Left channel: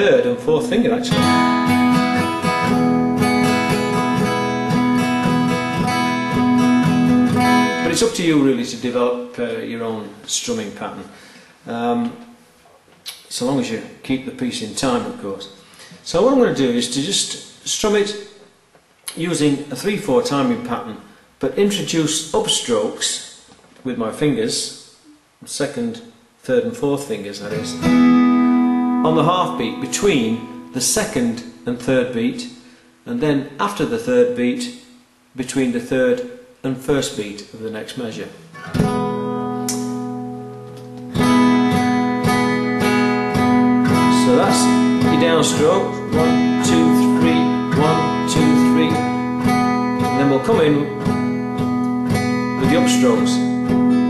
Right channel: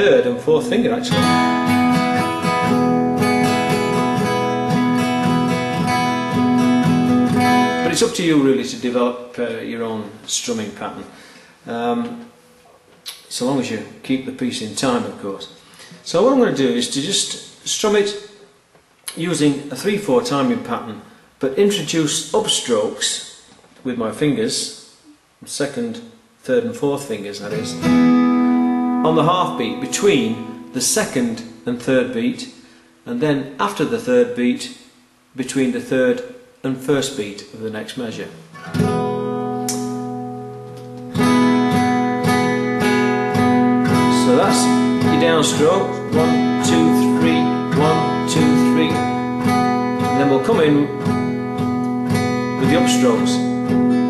third and fourth finger actually. But it's up to you really to develop your own strumming pattern, so long as you keep the piece in time, of course. So what I'm going to do is to just strum it using a 3/4 timing pattern, but introduce upstrokes with my fingers, second, third and fourth fingers that is, on the half beat between the second and third beat, and then after the third beat between the third and first beat of the next measure. So that's your downstroke, 1, 2, 3, 1, 2, 3, and then we'll come in with the upstrokes,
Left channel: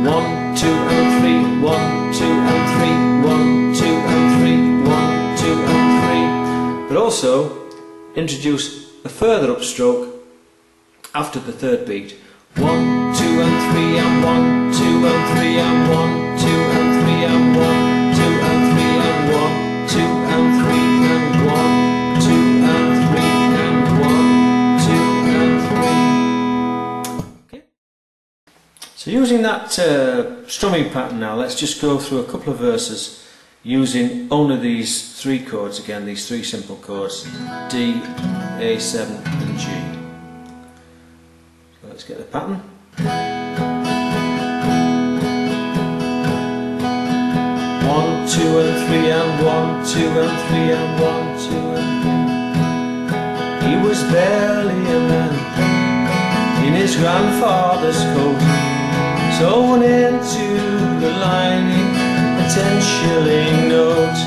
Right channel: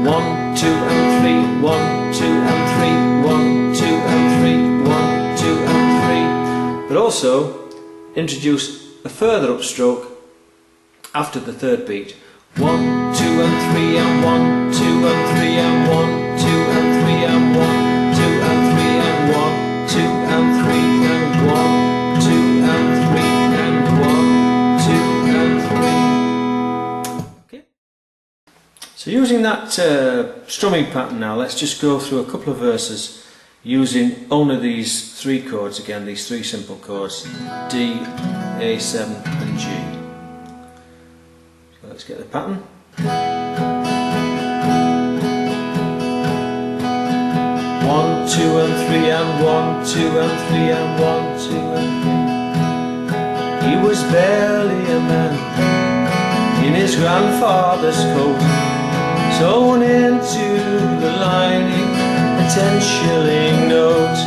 1, 2 and 3, 1, 2 and 3, 1, 2 and 3, 1, 2 and 3, but also introduce a further upstroke after the third beat, 1, 2 and 3 and 1, 2 and 3 and 1, 2 and 3 and 1, 2 and 3 and 1, 2 and 3 and 1, 2 and 3 and 1, 2 and 3. Okay. So using that strumming pattern now, let's just go through a couple of verses using only these three chords again, these three simple chords, D, A7 and G. So let's get the pattern. 1, 2 and 3 and 1, 2 and 3 and 1, 2 and 3. He was barely a man in his grandfather's coat, sewn into the lining a 10-shilling note.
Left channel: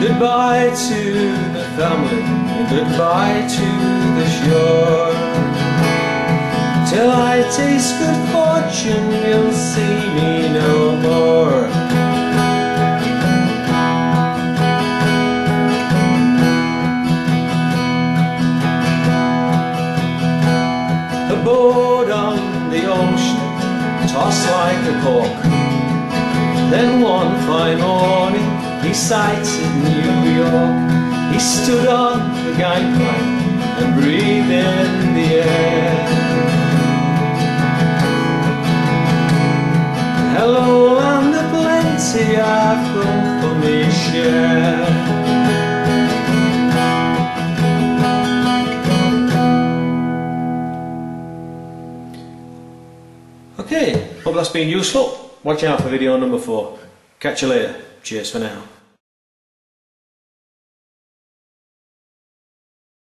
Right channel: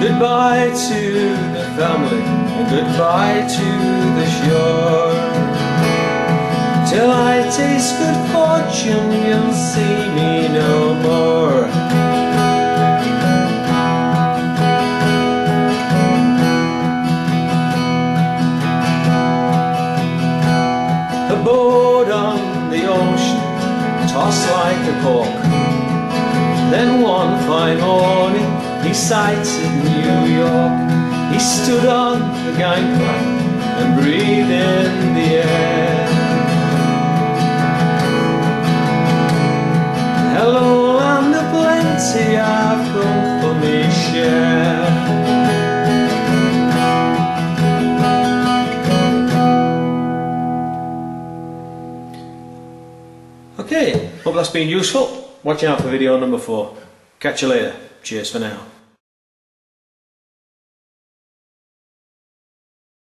Goodbye to the family and goodbye to the shore. Till I taste good fortune, you'll see me no more. A boat on the ocean, tossed like a cork. Then one fine morning, he sighted New York. He stood on the gangplank and breathed in the air. Hello, land of plenty, I've come for me share. Okay, hope that's been useful. Watch out for video number 4. Catch you later. Cheers for now.